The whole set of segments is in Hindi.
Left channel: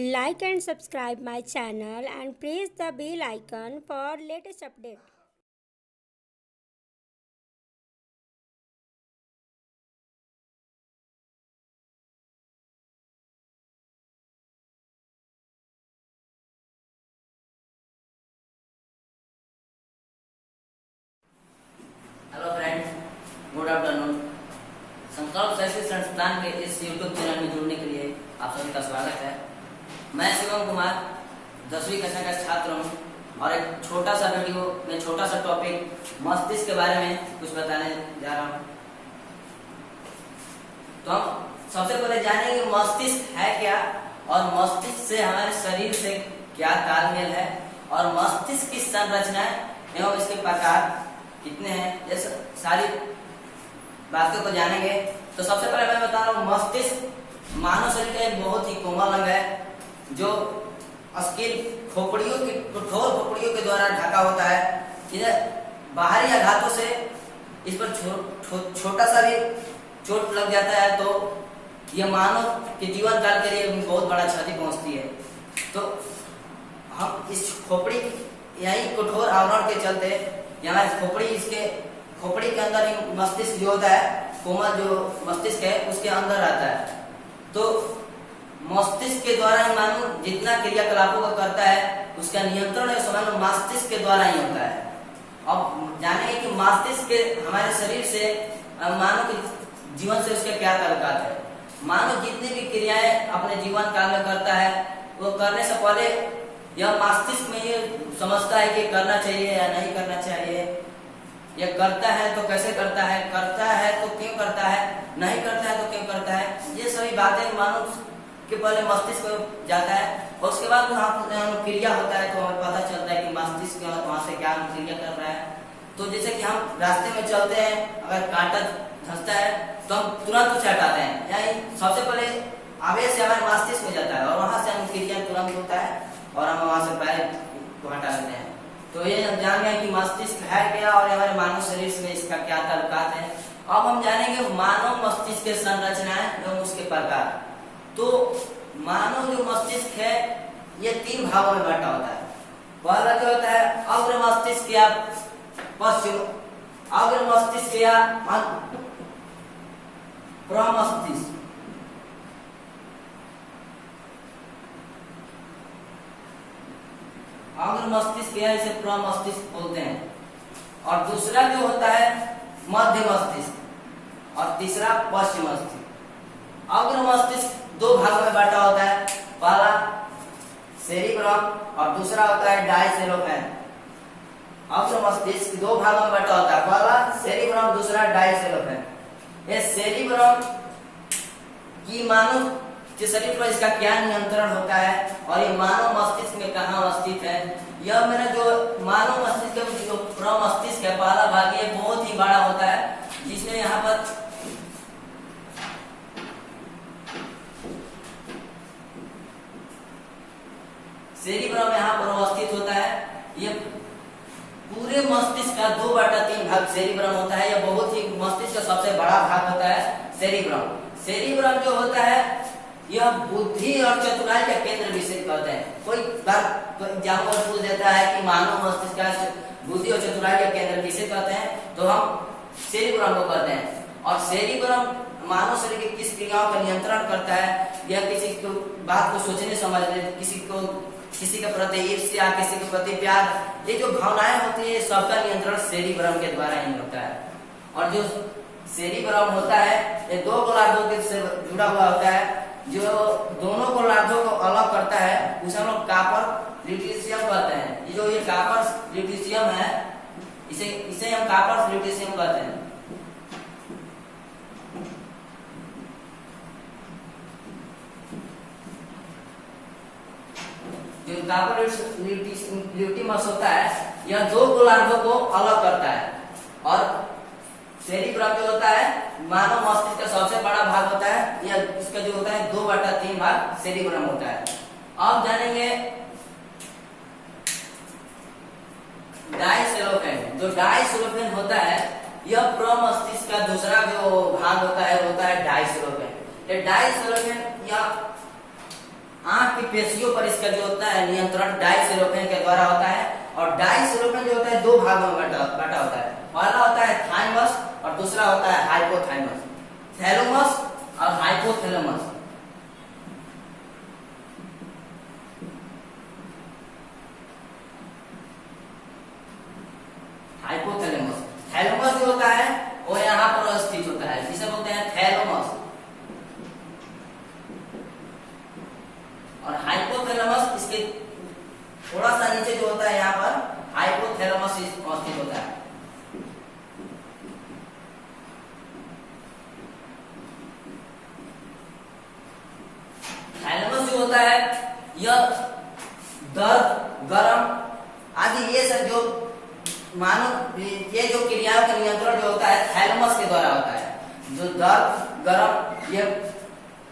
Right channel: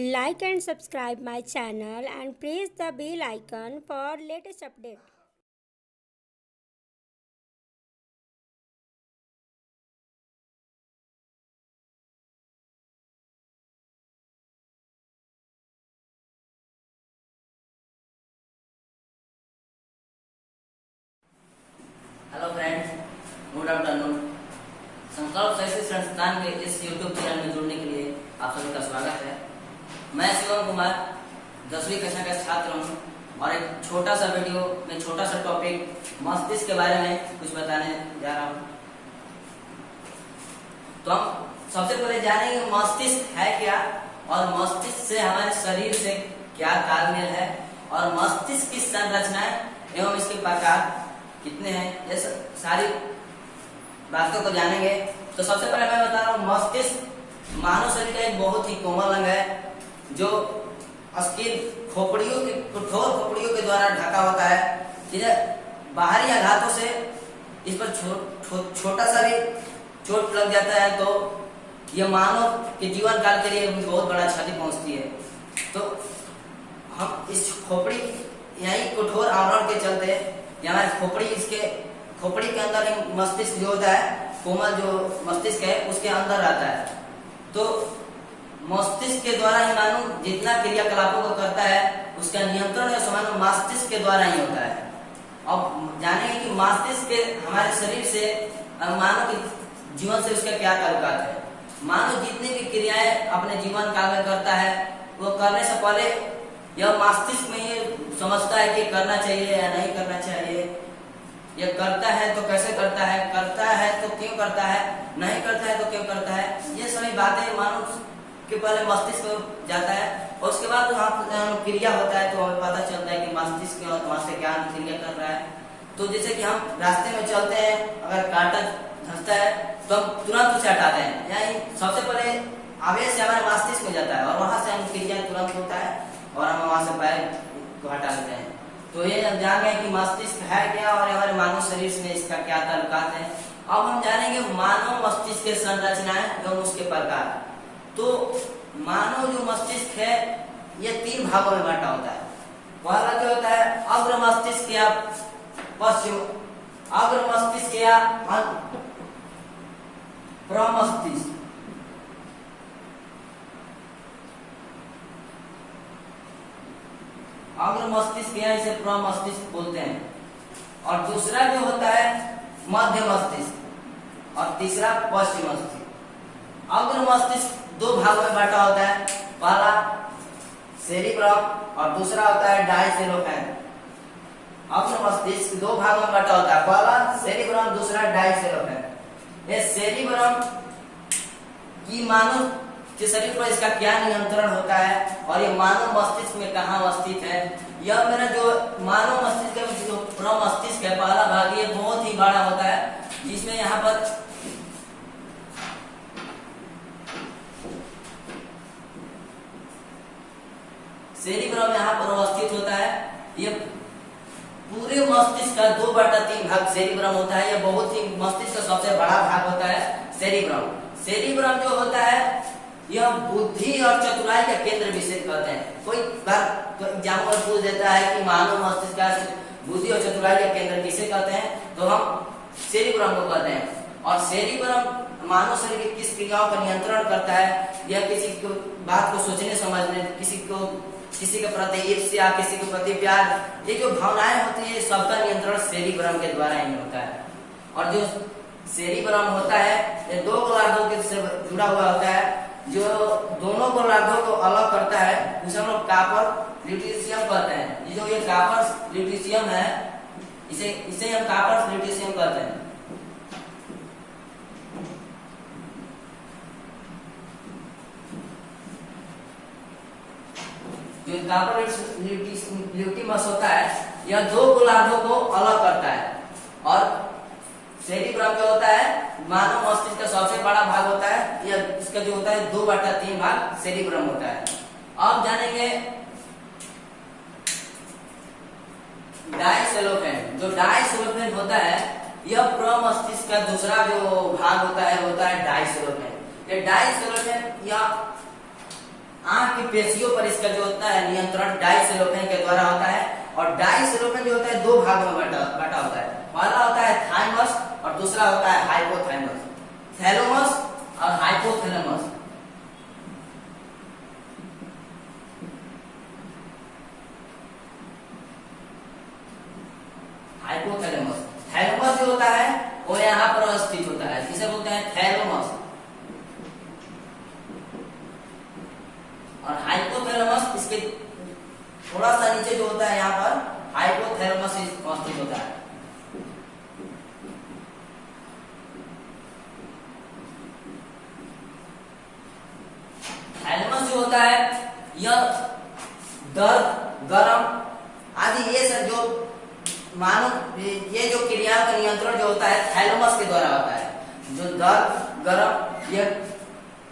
Like and subscribe my channel and press the bell icon for latest update. Hello friends, good afternoon. संकल्प शैक्षिक संस्थान के इस यूट्यूब चैनल में जुड़ने के लिए आप सभी का स्वागत है। मैं शिवम कुमार 10वीं कक्षा का छात्र हूँ और एक छोटा सा वीडियो में छोटा सा टॉपिक मस्तिष्क के बारे में कुछ बताने जा रहा हूँ। तो हम सबसे पहले जानेंगे मस्तिष्क है क्या और मस्तिष्क से हमारे शरीर से क्या तालमेल है और मस्तिष्क की संरचनाएं एवं इसके प्रकार कितने हैं, ये सारी बातों को जानेंगे। तो सबसे पहले मैं बता रहा हूँ, मस्तिष्क मानव शरीर का एक बहुत ही कोमल अंग है जो अस्किल खोपड़ियों की कठोर खोपड़ियों के द्वारा ढका होता है। इधर बाहरी आघातों से इस पर छोटा सा भी चोट लग जाता है तो यह मानव के जीवन काल के लिए बहुत बड़ा क्षति पहुंचती है। तो हम इस खोपड़ी यही कठोर आवरण के चलते हमारे खोपड़ी के अंदर ही मस्तिष्क जो होता है, कोमल जो मस्तिष्क है उसके अंदर रहता है। तो मस्तिष्क के द्वारा ही मानव जितना क्रियाकलापों को करता है उसका नियंत्रण मानव मस्तिष्क के द्वारा ही होता है। अब जानेंगे कि मस्तिष्क के हमारे शरीर से मानव के जीवन से उसके क्या ताल्लुकात है। मानव जितनी भी क्रियाएं अपने जीवन काल में करता है वो करने से पहले यह मस्तिष्क में ये समझता है कि करना चाहिए या नहीं करना चाहिए, यह करता है तो कैसे करता है तो क्यों करता है, नहीं करता है तो क्यों करता है। ये सभी बातें मानव के पहले मस्तिष्क में जाता है और उसके बाद वहाँ क्रिया होता है तो हमें पता चलता है कि मस्तिष्क वहाँ से क्या क्रिया कर रहा है। तो जैसे कि हम रास्ते में चलते हैं, अगर कांटा धंसता है तो हम तुरंत उसे हटाते हैं, यानी सबसे पहले आवेश से हमारे मस्तिष्क में जाता है और वहां से हम क्रिया तुरंत होता है और हम वहां से पैर को हटा देते हैं। तो ये हम जान गए कि मस्तिष्क है क्या और हमारे मानव शरीर से इसका क्या ताल्लुकात है। अब हम जानेंगे मानव मस्तिष्क के संरचनाएं एवं उसके प्रकार। तो मानव जो मस्तिष्क है ये 3 भागों में बांटा होता है। पहला जो होता है अग्र मस्तिष्क या पश्चिम अग्र मस्तिष्क या प्रमस्तिष्क। अग्र मस्तिष्क या इसे प्रमस्तिष्क बोलते हैं। और दूसरा जो होता है मध्य मस्तिष्क और तीसरा पश्चिम मस्तिष्क। अग्र मस्तिष्क 2 भागों में बांटा होता है, पहला सेरिब्रम और दूसरा होता है डायसेलोफेन। अग्र मस्तिष्क 2 भागों में बांटा होता है, पहला सेरिब्रम दूसरा डायसेलोफेन। ये सेरिब्रम की मानव के शरीर पर इसका क्या नियंत्रण होता है और ये मानव मस्तिष्क में कहाँ स्थित है। यह मेरा जो मानव मस्तिष्क है जो प्रमस्तिष्क है पहला भाग, ये बहुत ही बड़ा होता है जिसमें यहाँ पर सेरिब्रम यहाँ पर अवस्थित होता है। ये पूरे मस्तिष्क का 2/3 भाग सेरिब्रम होता है। यह बहुत ही मस्तिष्क का सबसे बड़ा भाग होता है सेरिब्रम। सेरिब्रम जो होता है यह बुद्धि और चतुराई का केंद्र विशेष कहते हैं। कोई बार तो एग्जाम्पल पूछ देता है कि मानव मस्तिष्क का बुद्धि और चतुराई का केंद्र किसे कहते हैं, तो हम सेरिब्रम को कहते हैं। और सेरिब्रम मानव शरीर की किस क्रियाओं का नियंत्रण करता है, यह किसी को बात को सोचने समझने, किसी के प्रति ईर्ष्या, किसी के प्रति प्यार, ये जो भावनाएं होती है सबका नियंत्रण सेरिब्रम के द्वारा ही होता है। और जो सेरिब्रम होता है ये 2 गोलार्धों के से जुड़ा हुआ होता है। जो दोनों गोलार्धों को अलग करता है उसे हम लोग कॉपर ल्यूटीशियम कहते हैं। ये जो ये कॉपर ल्यूटीशियम है इसे हम कॉपर ल्यूटीशियम कहते हैं। जो कॉपर ल्यूटीमस होता है यह 2 गोलार्धों को अलग करता है। और सेरिब्रम जो होता है मानव मस्तिष्क का सबसे बड़ा भाग होता है। यह इसका जो होता है 2/3 भाग सेरिब्रम होता है। अब जानेंगे डायसेलोफेन। जो डायसेलोफेन होता है यह प्रमस्तिष्क का दूसरा जो भाग होता है डायसेलोफेन। डायसेलोफेन या आंख की पेशियों पर इसका जो होता है नियंत्रण डायसेरोफेन के द्वारा होता है। और डायसेरोफेन जो होता है दो भागों में बटा होता है। पहला होता है थाइमस और दूसरा होता है हाइपोथैलेमस। थैलेमस और हाइपोथैलेमस। हाइपोथैलेमस, थैलेमस जो होता है वो यहाँ पर स्थित होता है, जिसे बोलते हैं थैलेमस। और हाइपोथैलेमस इसके थोड़ा सा नीचे जो होता है यहाँ पर हाइपोथैलेमस स्थित होता है। थैलेमस जो होता है यह दर्द, गरम आदि ये सब जो मानो ये जो क्रियाओं का नियंत्रण जो होता है थैलेमस के द्वारा होता है। जो दर्द, गरम ये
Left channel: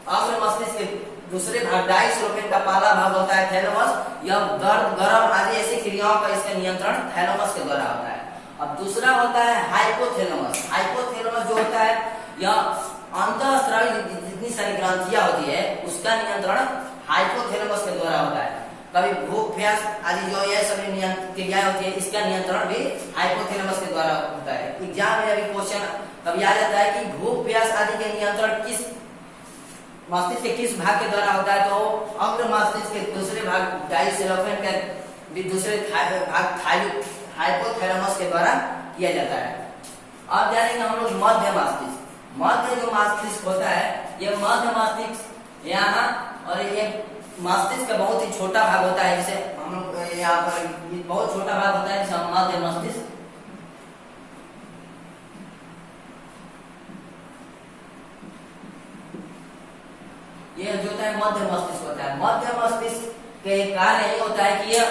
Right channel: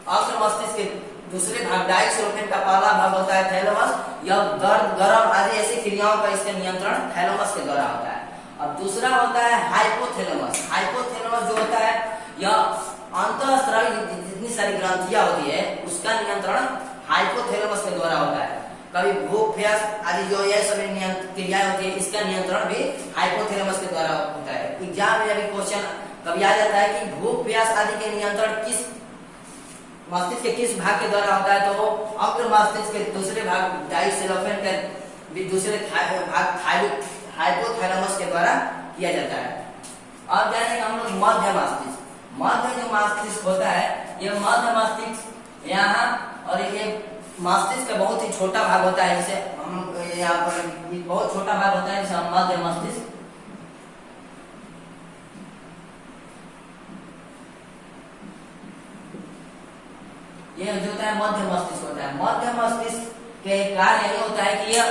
अग्र मस्तिष्क के दूसरे भाग डायसेरोफेन का पहला भाग होता है थैलेमस। यह दर्द, गरम आदि ऐसी क्रियाओं का इसका नियंत्रण थैलेमस के द्वारा होता है। और दूसरा होता है हाइपोथैलेमस। हाइपोथैलेमस जो होता है यह अंतःस्रावी जितनी सारी ग्रंथियां होती है उसका नियंत्रण हाइपोथैलेमस के द्वारा होता है। कभी भूख, प्यास आदि जो ये सभी क्रियाएं होती है इसका नियंत्रण भी हाइपोथैलेमस के द्वारा होता है। एग्जाम में अभी क्वेश्चन कभी आ जाता है कि भूख, प्यास आदि के नियंत्रण किस मस्तिष्क के किस भाग के द्वारा होता है, तो अग्र मस्तिष्क के दूसरे भाग डायसेरोफेन के दूसरे भाग हाइपोथैलेमस के द्वारा किया जाता है। अब जानेंगे हम लोग मध्य मस्तिष्क। मध्य जो मस्तिष्क होता है यह मध्य मस्तिष्क यहाँ और ये मस्तिष्क का बहुत ही छोटा भाग होता है, जिसे हम लोग यहाँ पर बहुत छोटा भाग होता है जिसे मध्य मस्तिष्क। ये जो होता है मध्य मस्तिष्क होता है। मध्य मस्तिष्क के कार्य यही होता है कि यह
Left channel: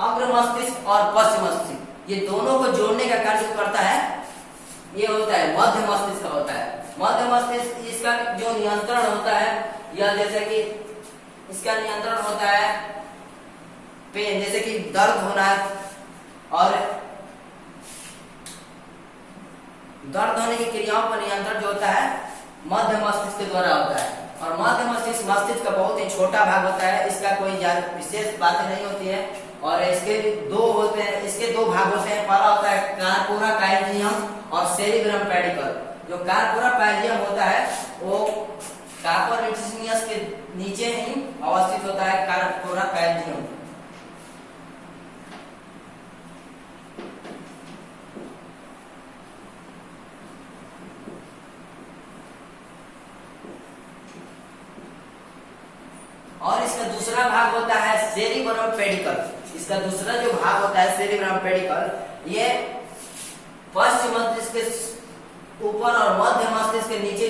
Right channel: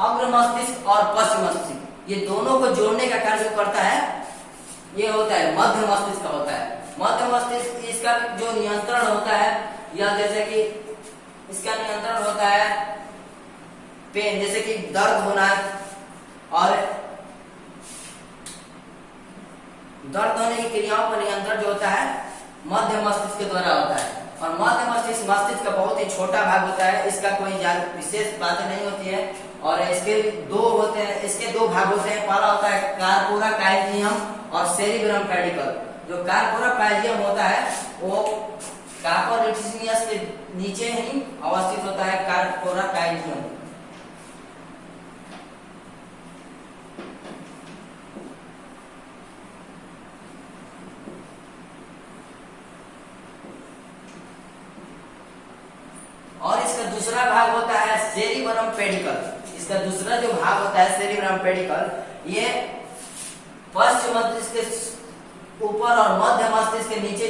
अग्र मस्तिष्क और पश्चिम मस्तिष्क ये दोनों को जोड़ने का कार्य जो करता है ये होता है मध्य मस्तिष्क का होता है। मध्य मस्तिष्क इसका जो नियंत्रण होता है यह जैसे कि इसका नियंत्रण होता है पेन, जैसे कि दर्द होना और दर्द होने की क्रियाओं पर नियंत्रण जो होता है मध्य मस्तिष्क के द्वारा होता है। और मध्य मस्तिष्क मस्तिष्क का बहुत ही छोटा भाग होता है, इसका कोई विशेष बातें नहीं होती है। और इसके दो होते हैं, इसके दो भाग होते हैं। पहला होता है कार्पोरा कैल्शियम और सेरिब्रम पेडिकल। जो कार्पोरा कैल्शियम होता है वो कार्पर रेटिसिनियस के नीचे ही अवस्थित होता है कार्पोरा कैल्शियम। और इसका दूसरा भाग होता है सेरिब्रम पेडिकल। इसका दूसरा जो भाग होता है सेरिब्रम पेडिकल ये पश्चिम मस्तिष्क के ऊपर और मध्य मस्तिष्क के नीचे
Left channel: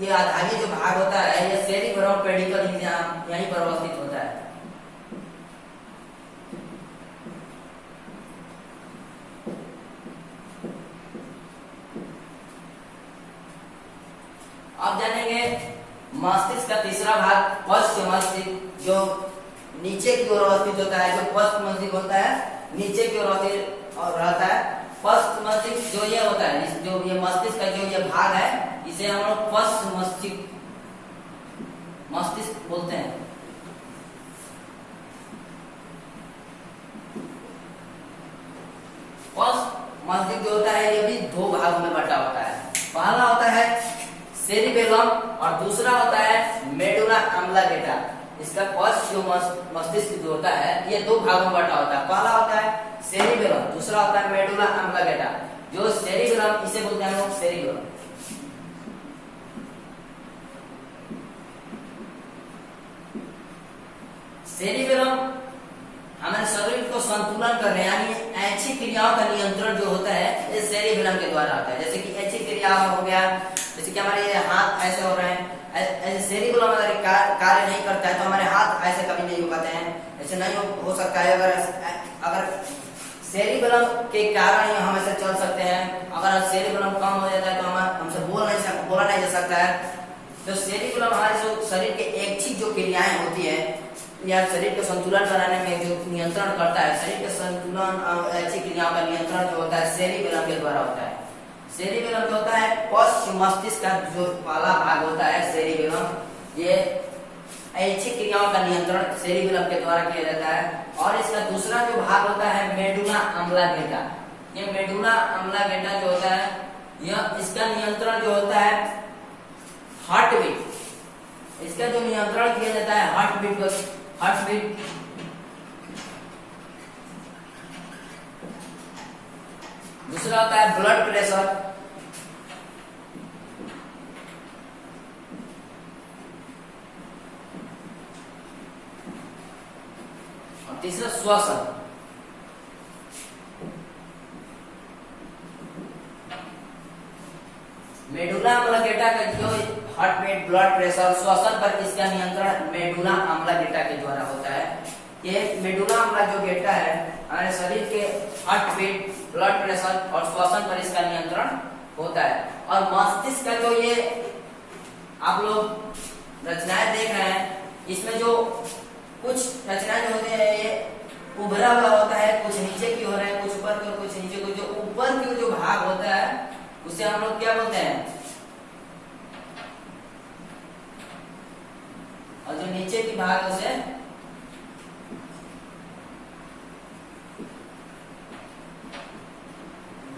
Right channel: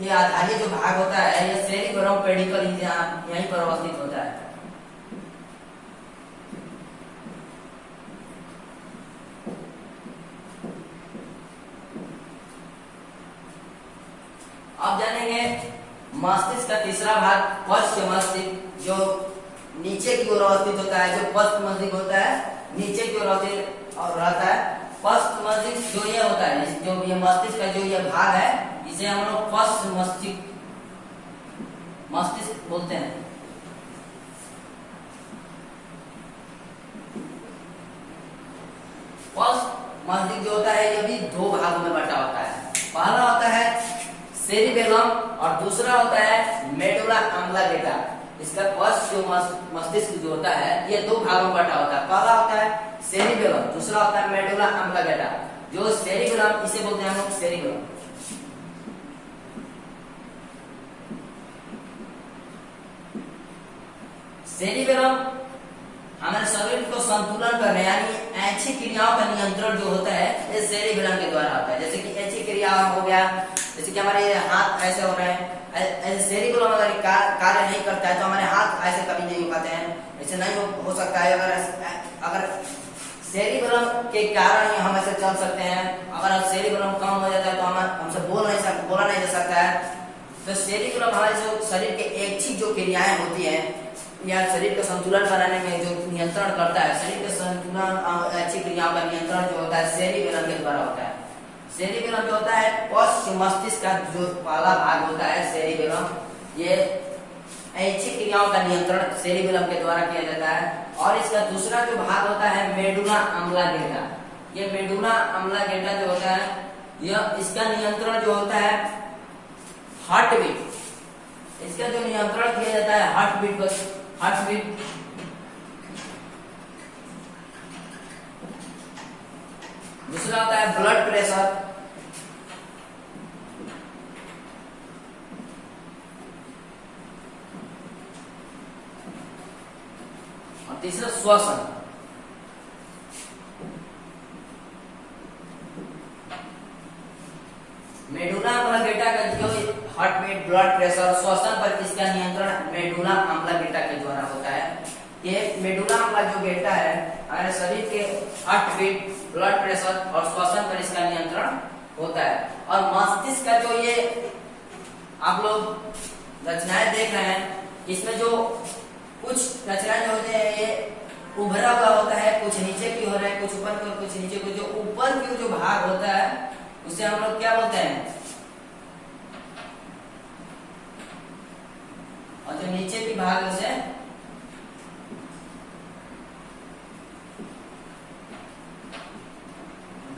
ये आधारी जो भाग होता है ये सेरिब्रम पेडिकल यहीं पर अवस्थित होता है। अब जानेंगे मस्तिष्क का तीसरा भाग पश्चिम मस्तिष्क जो नीचे की ओर अवस्थित होता है। जो पश्चिम मस्तिष्क होता है नीचे की ओर अवस्थित और रहता है। पश्चिम मस्तिष्क जो ये होता है जो ये मस्तिष्क का जो ये भाग है इसे हम लोग पश्चिम मस्तिष्क बोलते हैं। पश्चिम मस्तिष्क जो होता है ये भी दो भागों में बटा होता है। पहला होता है सेरिबेलम और दूसरा होता है मेडुला ऑब्लांगेटा। इसका पश्च जो मस्तिष्क जो होता है ये दो भागों में बटा होता है। पहला होता है सेरिबेलम, दूसरा होता है मेडुला ऑब्लांगेटा। जो सेरिबेलम इसे बोलते हैं हम लोग सेरिबेलम। सेरिबेलम हमारे शरीर को संतुलन करने यानी ऐच्छिक क्रियाओं का नियंत्रण जो होता है ये सेरिबेलम के द्वारा होता है। जैसे कि ऐच्छिक क्रिया हो गया, जैसे कि हमारे हाथ ऐसे हो रहे हैं, ऐसे सेरिबेलम अगर कार्य नहीं करता है तो हमारे हाथ ऐसे कभी नहीं हो पाते हैं, ऐसे नहीं हो सकता है। अगर सेरिबेलम के कारण ही हम ऐसे चल सकते हैं। अगर सेरिबेलम कम हो जाता है तो हमसे बोला नहीं जा सकता है। तो सेरिबेलम हमारे जो शरीर के ऐच्छिक जो क्रियाएं होती है या शरीर का संतुलन बनाने में जो नियंत्रण करता है, शरीर के संतुलन ऐच्छिक क्रियाओं का नियंत्रण जो होता है सेरिबेलम के द्वारा होता है। सेरिबेलम जो होता है पश्चिम मस्तिष्क का जो पहला भाग होता है सेरिबेलम ये ऐच्छिक क्रियाओं का नियंत्रण सेरिबेलम के द्वारा किया जाता है। और इसका दूसरा जो भाग होता है मेडुला अम्लागेटा। ये मेडुला अम्लागेटा जो होता है यह इसका नियंत्रण जो होता है हार्ट बीट। इसका जो नियंत्रण किया जाता है हार्ट बीट। दूसरा होता है ब्लड प्रेशर। तीसरा श्वसन। मेडुला अम्लागेटा का जो हार्ट बीट, ब्लड प्रेशर, श्वसन पर इसका नियंत्रण मेडुला अम्लागेटा के द्वारा होता है। ये मेडुला अम्लागेटा है हमारे शरीर के हार्ट बीट, ब्लड प्रेशर और श्वसन पर इसका नियंत्रण होता है। और मस्तिष्क का जो ये आप लोग रचनाएं देख रहे हैं, इसमें जो कुछ रचनाएं जो होते हैं ये उभरा हुआ होता है, कुछ नीचे की हो रहे हैं, कुछ ऊपर की और कुछ नीचे की। जो ऊपर की जो भाग होता है उसे हम लोग क्या बोलते हैं, और जो नीचे की भाग है उसे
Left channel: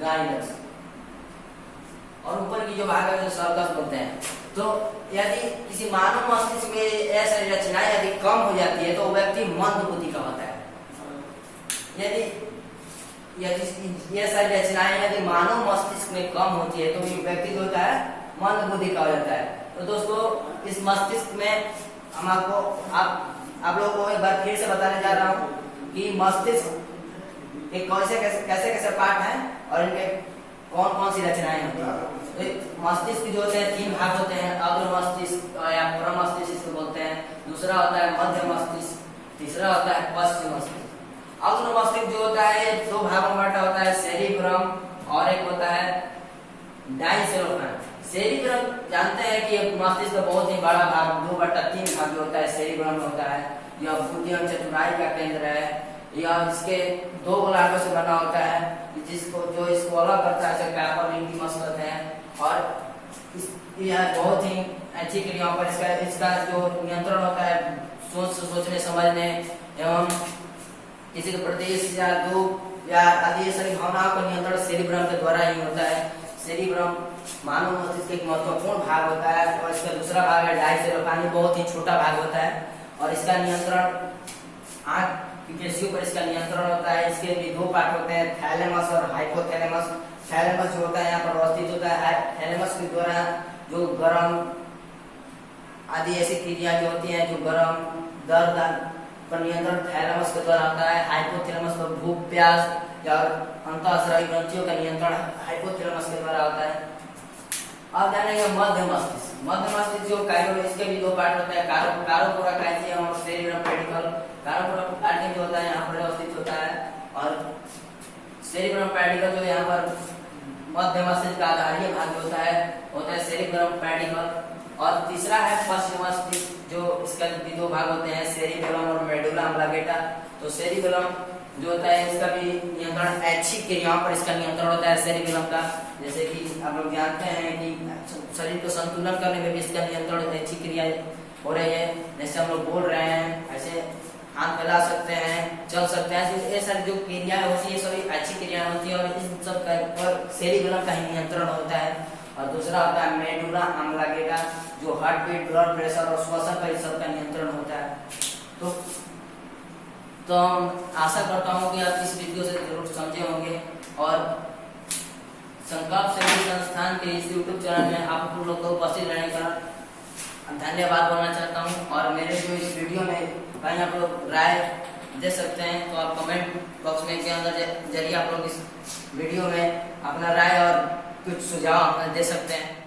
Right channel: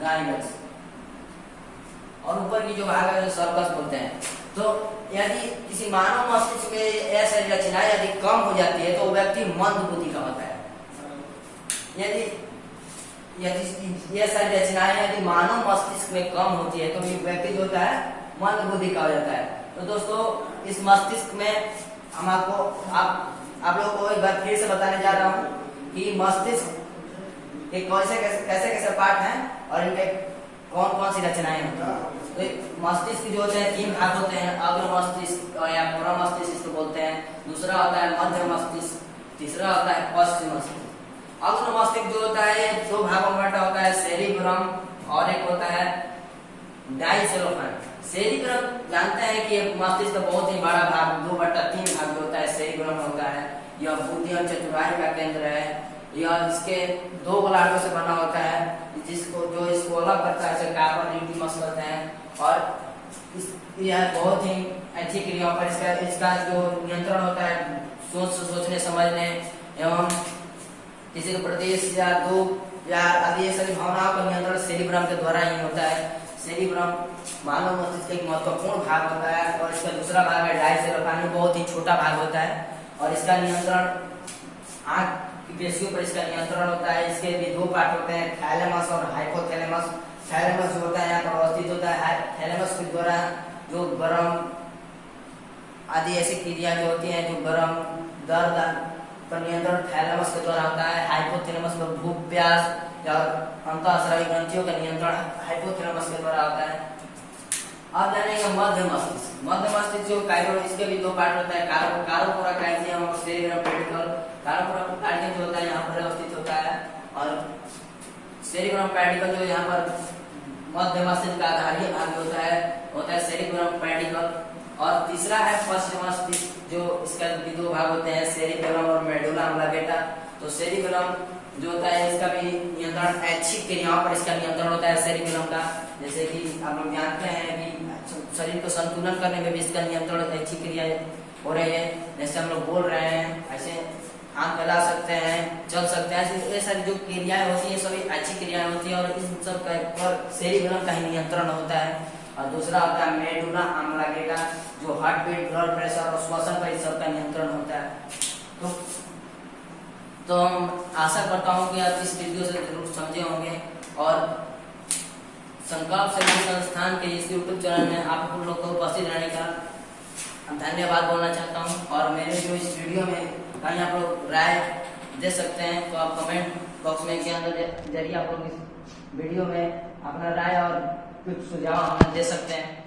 गाइनस, और ऊपर की जो भाग है जो सर्कस बोलते हैं। तो यदि किसी मानव मस्तिष्क में ऐसी रचनाएं यदि कम हो जाती है तो व्यक्ति मंद बुद्धि का होता है। यदि ये सारी रचनाएं यदि मानव मस्तिष्क में कम होती है तो ये व्यक्ति जो होता है मंद बुद्धि का हो जाता है। तो दोस्तों इस मस्तिष्क में हम आप लोगों को एक बार फिर से बताने जा रहा हूँ कि मस्तिष्क के कैसे पार्ट हैं और इनके कौन कौन सी रचनाएं हैं। मस्तिष्क जो होते हैं 3 भाग होते हैं, अग्र मस्तिष्क या पूरा मस्तिष्क इसको बोलते हैं। दूसरा होता है मध्य मस्तिष्क, तीसरा होता है पश्चिम मस्तिष्क। अग्र मस्तिष्क जो होता है 2 भागों में बटा होता है, सेरिब्रम और एक होता है डाइसेलोफेन। सेरिब्रम जानते हैं कि मस्तिष्क का बहुत ही बड़ा भाग 2/3 भाग होता है, सेरिब्रम होता है। यह बुद्धि और चतुराई का केंद्र है। यह इसके 2 गोलार्धों से बना होता है, जिसको जो इसको अलग करता है कार्पल न्यूक्लियस कहते हैं। और यह बहुत ही अच्छी क्रियाओं पर इसका जो नियंत्रण होता है, सोचने समझने एवं किसी के प्रति या दुख या आदि ये सभी भावनाओं का नियंत्रण सेरिब्रम के द्वारा ही होता है। सेरिब्रम मानव मस्तिष्क का एक महत्वपूर्ण भाग होता है। और इसका दूसरा भाग है डाइसेलोफेन, बहुत ही छोटा भाग होता है और इसका नियंत्रण आंख की पेशियों पर इसका नियंत्रण होता है। इसके भी 2 पार्ट होते हैं, थैलेमस और हाइपोथैलेमस। थैलेमस जो होता है यहाँ पर अवस्थित होता है। थैलेमस के द्वारा जो गर्म आदि ऐसी क्रिया जो होती हैं, जो गर्म दर्द पर नियंत्रण थैलेमस के द्वारा होता है। हाइपोथैलेमस पर भूख प्यास और अंतःस्रावी ग्रंथियों का नियंत्रण हाइपोथैलेमस के द्वारा होता है। अब जानेंगे मध्य मस्तिष्क। मध्य मस्तिष्क जो काइरो, इसके भी 2 पार्ट होते हैं, कारोपोरा कैल्शियम और सेरिब्रम पेडिकल। कारोपोरा कैल्शियम जो होता है यहाँ पर अवस्थित होता है और सेरिब्रम पेडिकल जो यहाँ पर मध्य मस्तिष्क का आधारीय भाग होता है सेरिब्रम पेडिकल। और तीसरा है पश्चिम मस्तिष्क, जो इसका 2 भाग होते हैं, सेरिबेलम और मेडुला अम्लागेटा। तो सेरिबेलम जो होता है इसका भी नियंत्रण ऐच्छिक क्रियाओं पर इसका नियंत्रण होता है सेरिबेलम का। जैसे कि आप लोग जानते हैं कि शरीर को संतुलन करने में भी इसका नियंत्रण ऐच्छिक क्रिया हो रही है। जैसे हम लोग बोल रहे हैं, ऐसे हाथ फैला सकते हैं, चल सकते हैं, ये सारी जो क्रियाएं होती है सभी अच्छी क्रियाएं होती है और इस सब का पर सेरिबेलम का ही नियंत्रण होता है। और दूसरा होता है मेडुला अम्लागेटा, जो हार्ट बीट, ब्लड प्रेशर और श्वसन पर सब का नियंत्रण होता है। तो आशा करता हूँ कि आप इस वीडियो से जरूर समझे होंगे और संकल्प सेवा संस्थान के इस यूट्यूब चैनल में आप लोग को उपस्थित रहने का धन्यवाद बोलना चाहता हूँ। और मेरे जो इस वीडियो में कहीं आप लोग राय दे सकते हैं तो आप कमेंट बॉक्स में के अंदर जरिए आप लोग इस वीडियो में अपना राय और कुछ सुझाव हमें दे सकते हैं।